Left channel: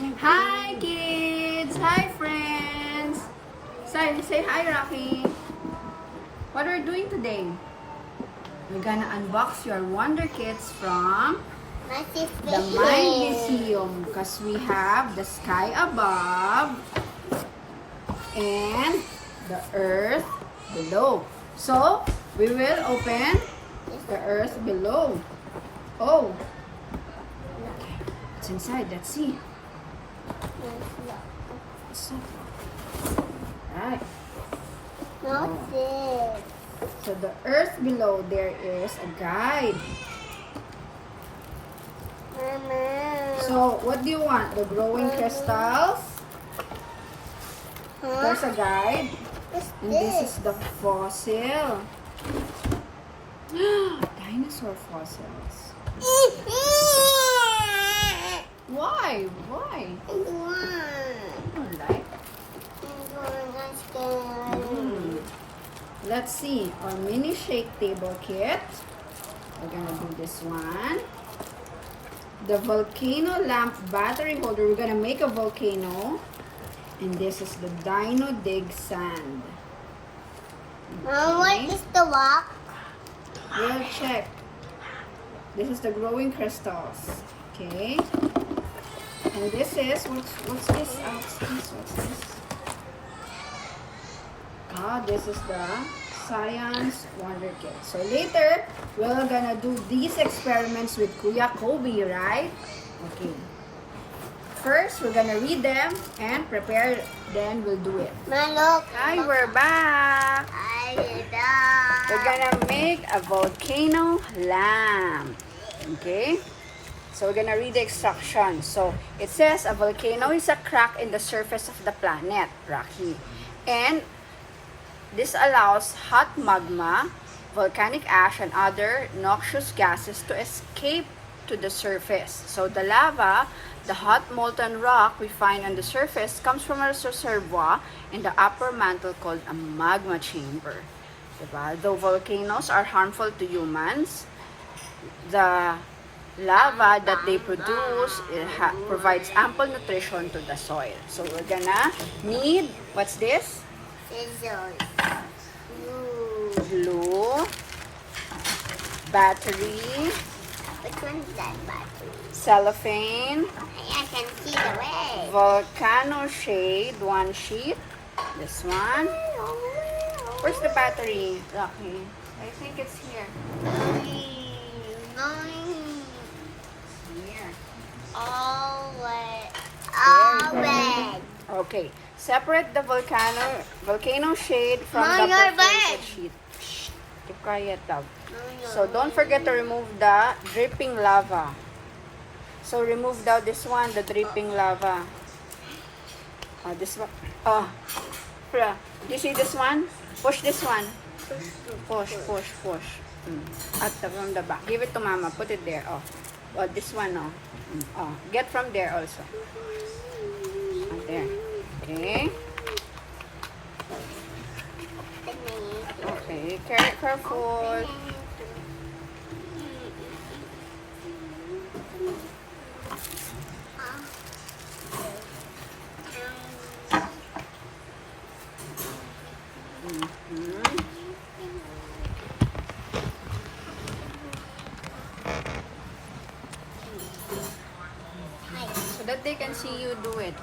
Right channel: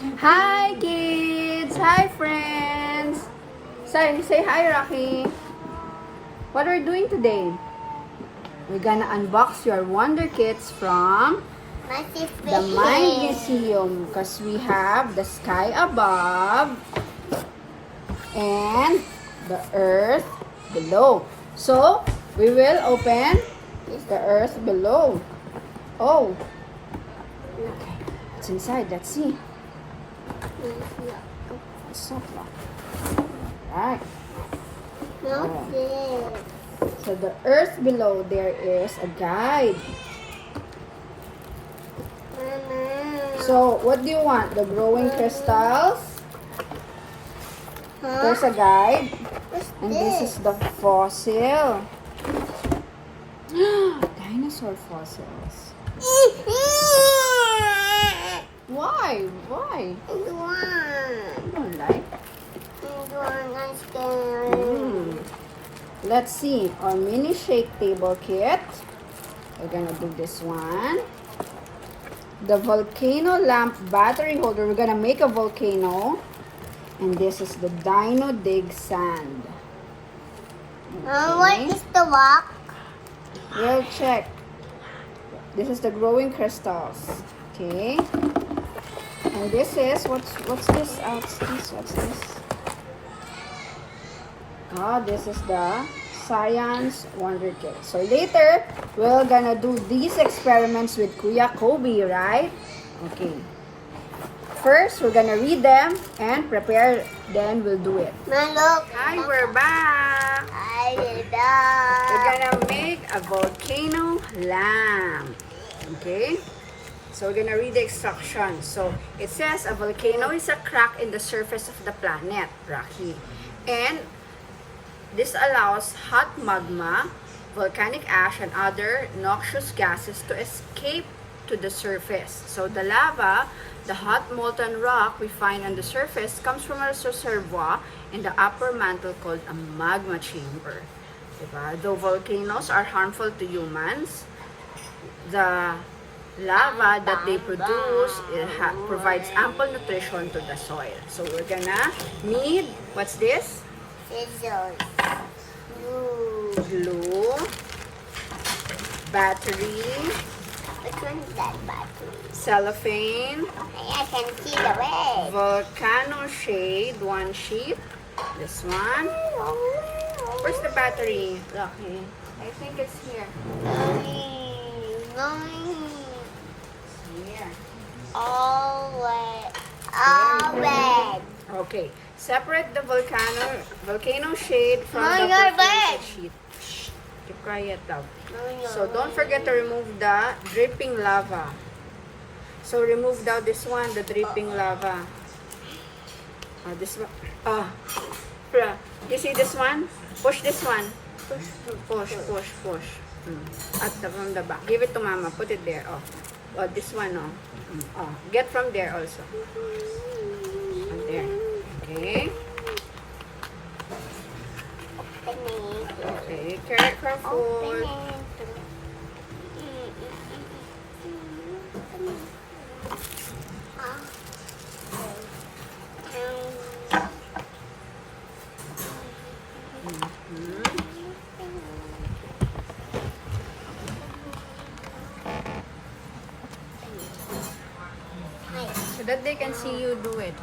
Hi kids! Hi friends! Say hi, Rocky. What are we doing today? We're gonna unbox your Wonder Kits from the Mind Museum because we have the sky above and the earth below. So, we will open the earth below. Oh! Okay. It's inside. Let's see. It's not locked. Alright. So the earth below there is a guide. Mama. So what do you want? The growing crystals? There's a guide. And this is the fossil. Dinosaur fossils. Why? Why? I don't like. I'm scared. Let's see. Our mini shake table kit. We're gonna do this one. The Volcano Lamp battery holder. We're gonna make a volcano. And this is the Dino Dig sand. What is the rock? We'll check. This is the growing crystals. Okay. And this is what's this? What's this? This is the Science Wonder Kit. So later, we're gonna do these experiments with Kuya Kobe, right? Okay. First, we're gonna read them and prepare, then we'll do it. Look. Hi, we're back! We're gonna make a volcano lamp. Okay? So we're gonna read the instructions. So it says a volcano is a crack in the surface of the planet, Rocky. And this allows hot magma, volcanic ash, and other noxious gases to escape to the surface. So the lava, the hot molten rock we find on the surface, comes from a reservoir in the upper mantle called a magma chamber. Though volcanoes are harmful to humans, the lava that they produce provides ample nutrition to the soil. So we're gonna need, what's this? Glue, battery, Which one is that battery? cellophane, I can see the red. volcano shade, one sheet, this one. Where's the battery, Lucky? I think it's here. Here. All red. Okay. Separate the volcano shade from Mom, the you're perforated bad. sheet. Keep quiet, love. So don't forget to remove the dripping lava. So remove now this one, the dripping lava. This one. You see this one? Push this one. Push. At from the back. Give it to Mama. Put it there. This one. Get from there also. There. Okay. Okay. Careful. So that they can see you do it.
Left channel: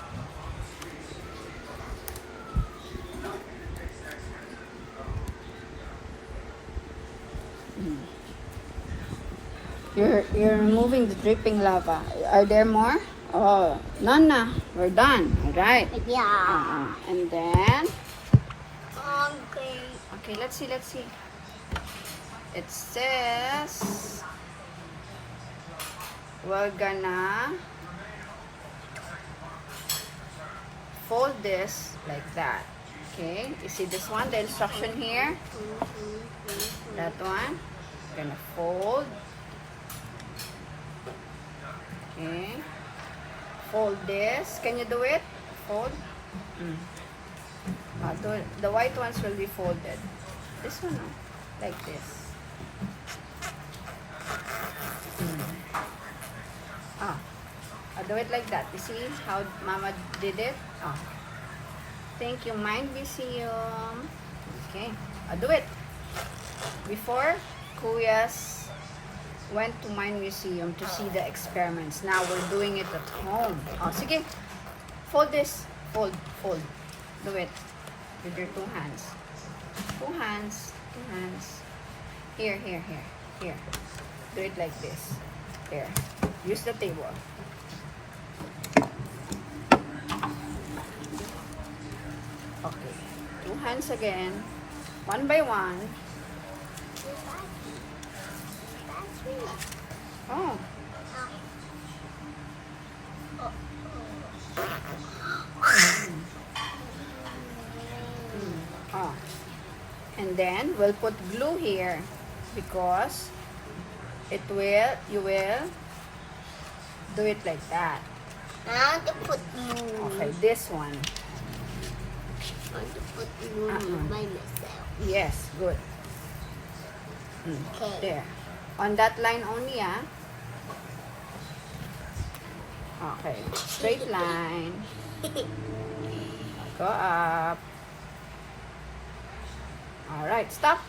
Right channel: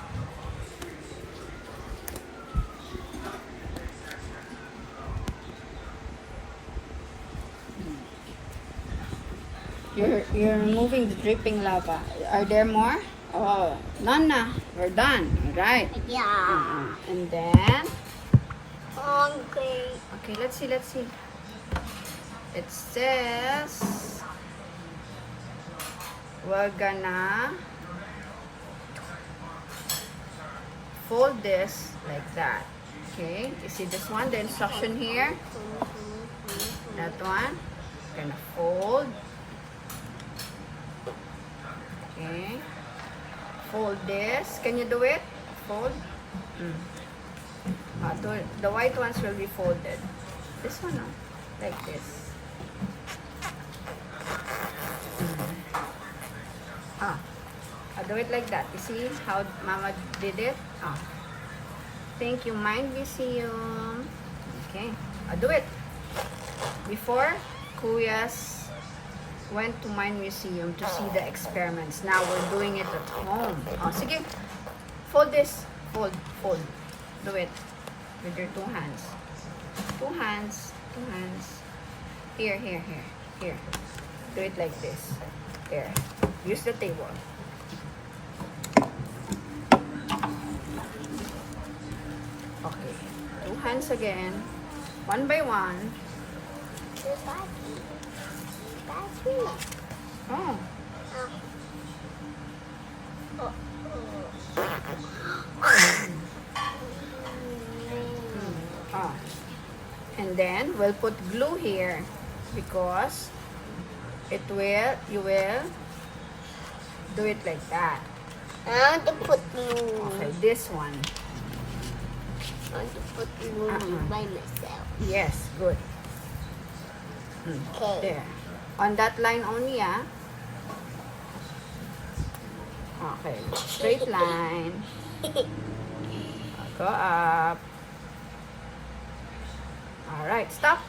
You're removing the dripping lava. Are there more? Oh, none na. We're done. Alright. Yeah. And then, Okay. okay, let's see. It says, we're gonna fold this like that. Okay, you see this one, the instruction here? That one. Gonna fold. Okay. Fold this. Can you do it? Fold. The white ones will be folded. This one, like this. Do it like that. You see how Mama did it? Oh. Thank you, Mind Museum. Okay. Do it. Before, Kuyas went to Mind Museum to see the experiments. Now we're doing it at home. Oh, sige. Fold this. Fold. Fold. Do it. With your 2 hands. 2 hands. 2 hands. Here, here, here. Here. Do it like this. There. Use the table. Okay. 2 hands again. 1 by 1. Oh. Oh. And then we'll put glue here because you will do it like that. I want to put glue. Okay, this one. I want to put glue by myself. Yes, good. Okay. There. On that line only, ah. Okay. Straight line. Go up. Alright, stop.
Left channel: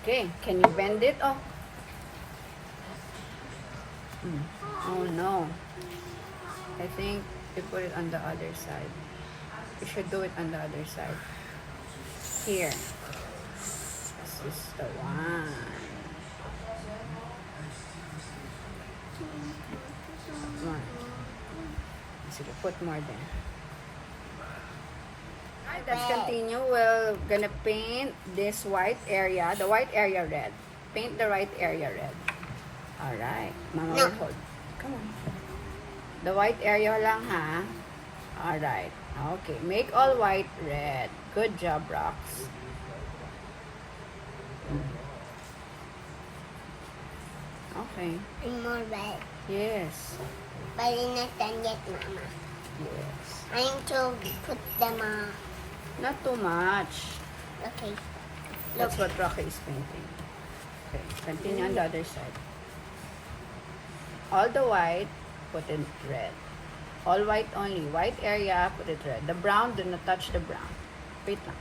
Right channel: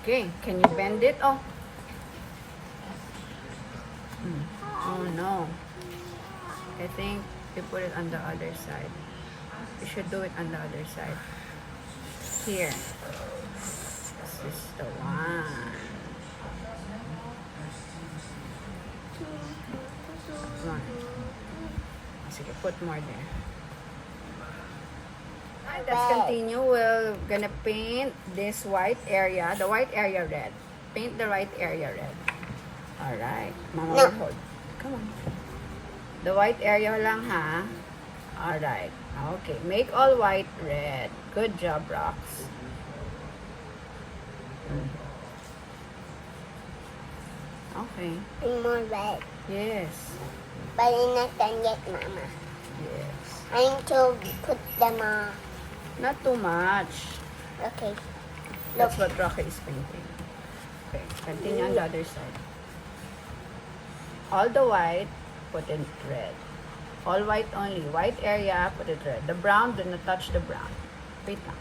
Okay. Can you bend it? Oh. Oh no. I think you put it on the other side. You should do it on the other side. Here. This is the one. One. Sige, put more there. Alright, let's continue. We're gonna paint this white area, the white area red. Paint the white area red. Alright. Mama will hold. Come on. The white area lang, ha? Alright. Okay. Make all white red. Good job, Rox. Okay. And more red. Yes. But I'm not done yet, Mama. Yes. I need to put them on. Not too much. Okay. That's what Rocky is painting. Okay. Continue on the other side. All the white, put it red. All white only. White area, put it red. The brown, do not touch the brown. Wait lang.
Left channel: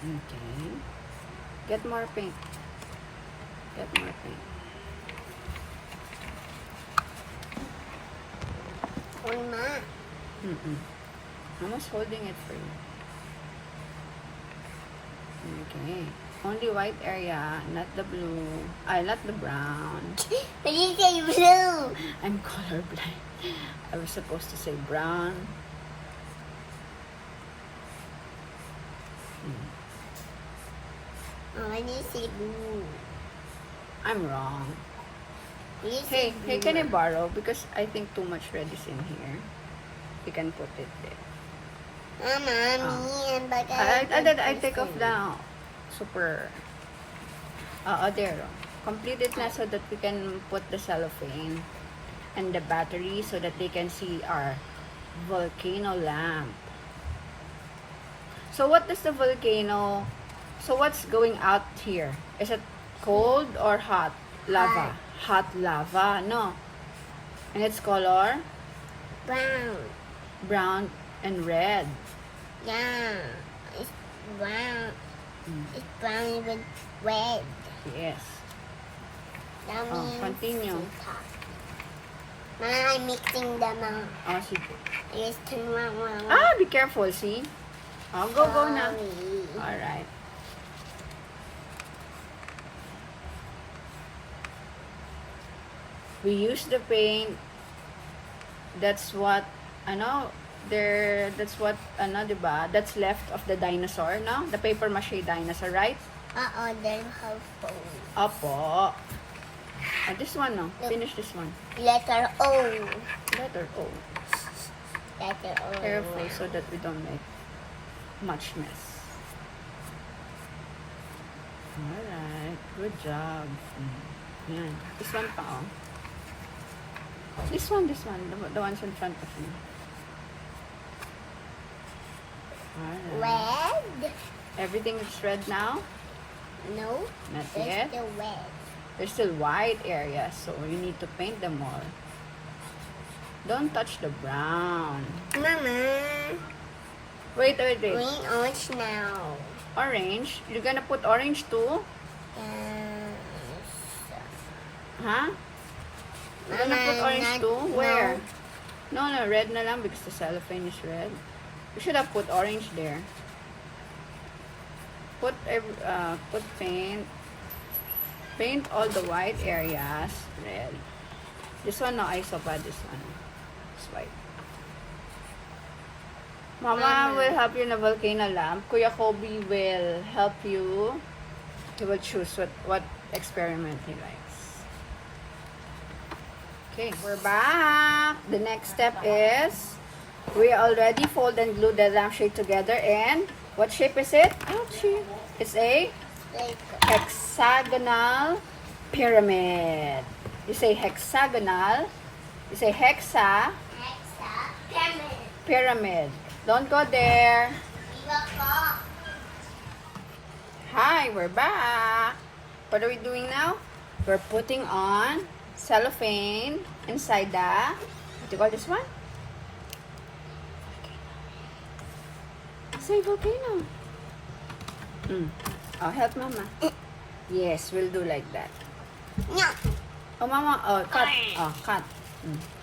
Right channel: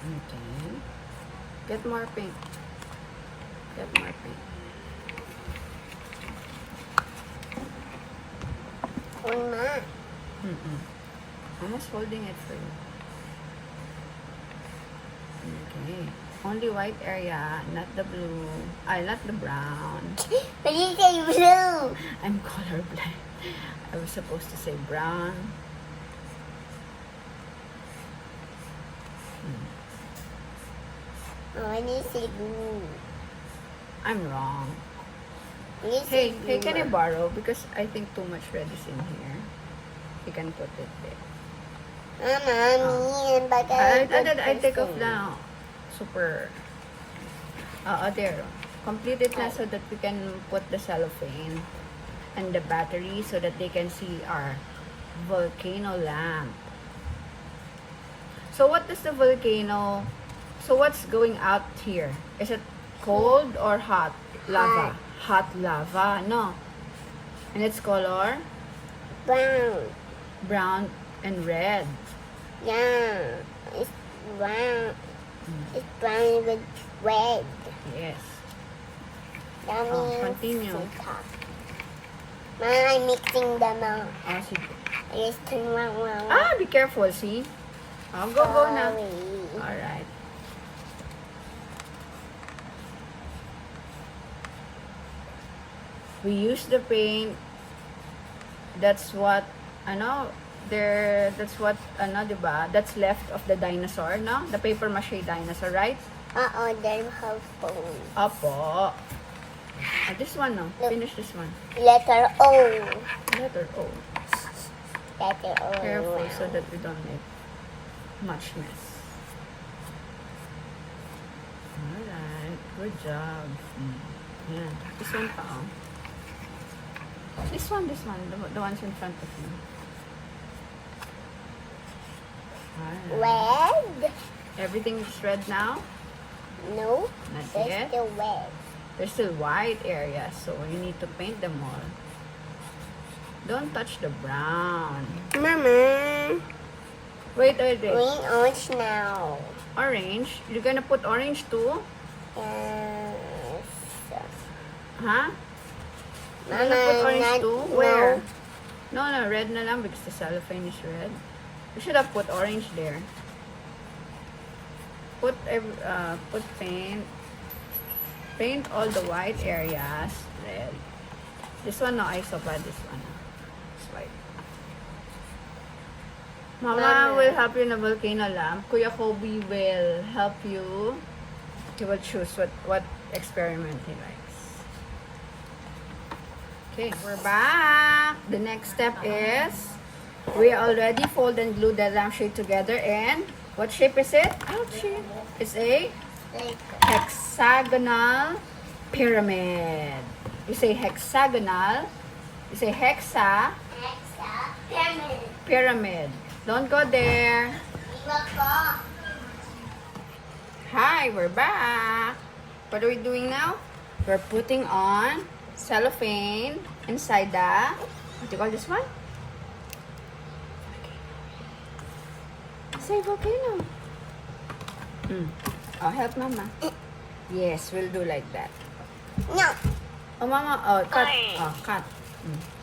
Okay. Get more paint. Get more paint. Uma. Mama's holding it for you. Okay. Only white area, not the blue. Not the brown. But you say blue. I'm colorblind. I was supposed to say brown. Oh, when you say blue. I'm wrong. When you Hey, say hey, blue. can I borrow? Because I think too much red is in here. You can put it there. Mama, but I take off the super. There. Complete it na so that we can put the cellophane and the battery so that they can see our volcano lamp. So what does the volcano? So what's going out here? Is it cold or hot lava? Hot lava, no. And its color? brown. Brown and red. Yeah, it's brown. It's brown with red. Yes. That Oh, means continue. it's hot. Mama, I'm mixing them up. Oh, sige. I just turn around. Be careful, see? Oh, go na. Sorry. Alright. We use the paint. That's what, that's what, diba? That's left of the dinosaur, no? The paper mache dinosaur, right? Then have phone. Opo. This one, no? Finish this one. Letter O. Letter O. Letter O. Careful so that we don't make much mess. Alright. Good job. Yan. This one pa, oh. This one. The ones in front of me. Alright. Red? Everything is red now? No. Not There's yet. still red. There's still white areas, so you need to paint them all. Don't touch the brown. Mama. Wait. Green, orange now. Orange? You're gonna put orange too? Yes. Huh? You're gonna put orange too? No. Where? No, red na lang because the cellophane is red. You should have put orange there. Put paint. Paint all the white areas red. This one no, I saw bad. This one. It's white. Mama will help you in a volcano lamp. Kuya Kobe will help you. He will choose what experiment he likes. Okay, we're back. The next step is we already fold and glue the lampshade together. And what shape is it? Ouchie. It's a hexagonal pyramid. You say hexagonal. You say pyramid. Don't go there. Hi, we're back. What are we doing now? We're putting on cellophane inside the, what do you call this one? Say volcano. Oh, help mama. Yes, we'll do like that. No. Oh, mama. Oh, cut. Oh, cut.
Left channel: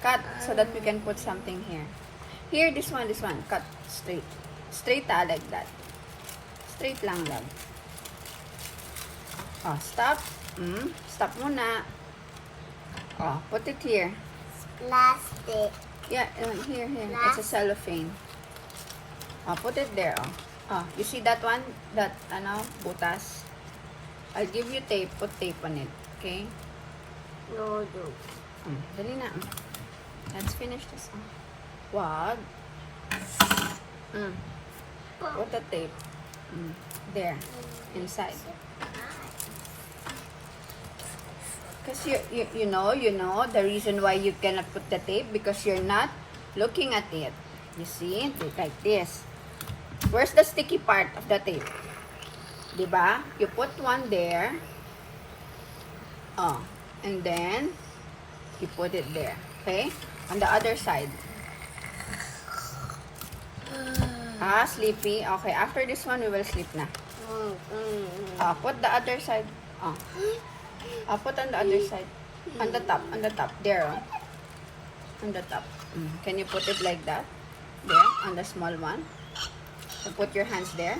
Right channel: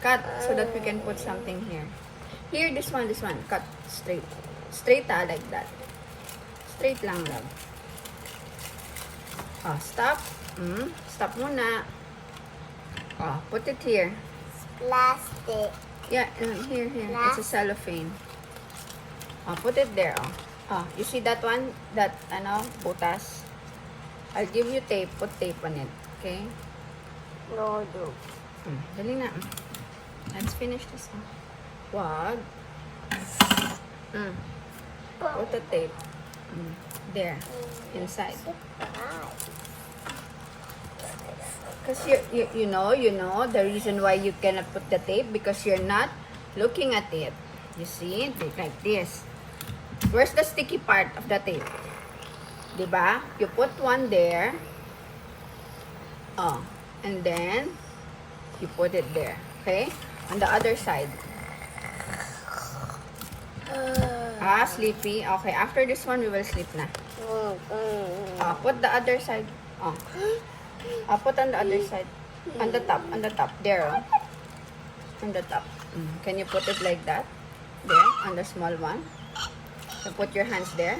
Cut so that we can put something here. Here, this one. Cut straight. Straight like that. Straight lang, love. Oh, stop. Stop muna. Oh, put it here. Plastic. Yeah, here. It's a cellophane. Oh, put it there. Oh, you see that one? That, butas? I'll give you tape. Put tape on it. Okay? No, do. Dali na. Let's finish this. Wag. Put the tape. There. Inside. Because you know the reason why you cannot put the tape because you're not looking at it. You see? Like this. Where's the sticky part of the tape? Diba? You put one there. Oh. And then, you put it there. Okay? On the other side. Sleepy. Okay, after this one, we will sleep na. Put the other side. Put on the other side. On the top. There, on the top. Can you put it like that? There, on the small one. So put your hands there.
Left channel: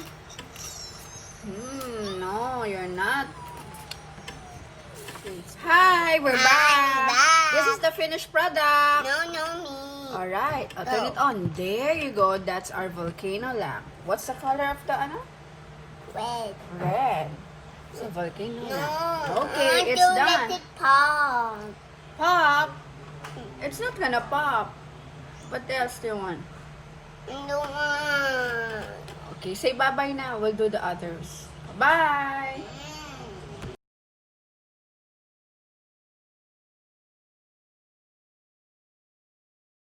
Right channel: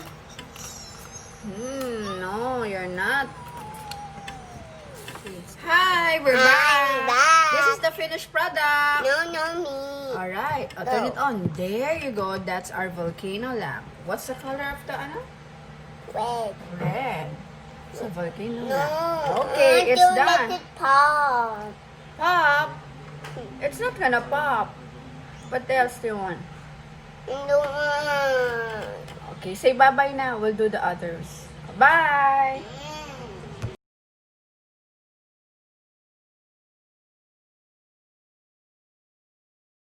No, you're not. Hi, we're back. This is the finished product. No, me. Alright, I'll turn it on. There you go. That's our volcano lamp. What's the color of the Red. Red. It's a volcano No. lamp. Okay, it's done. Let it pop. Pop? It's not gonna pop. What else do you want? No. Okay, say bye-bye now. We'll do the others. Bye!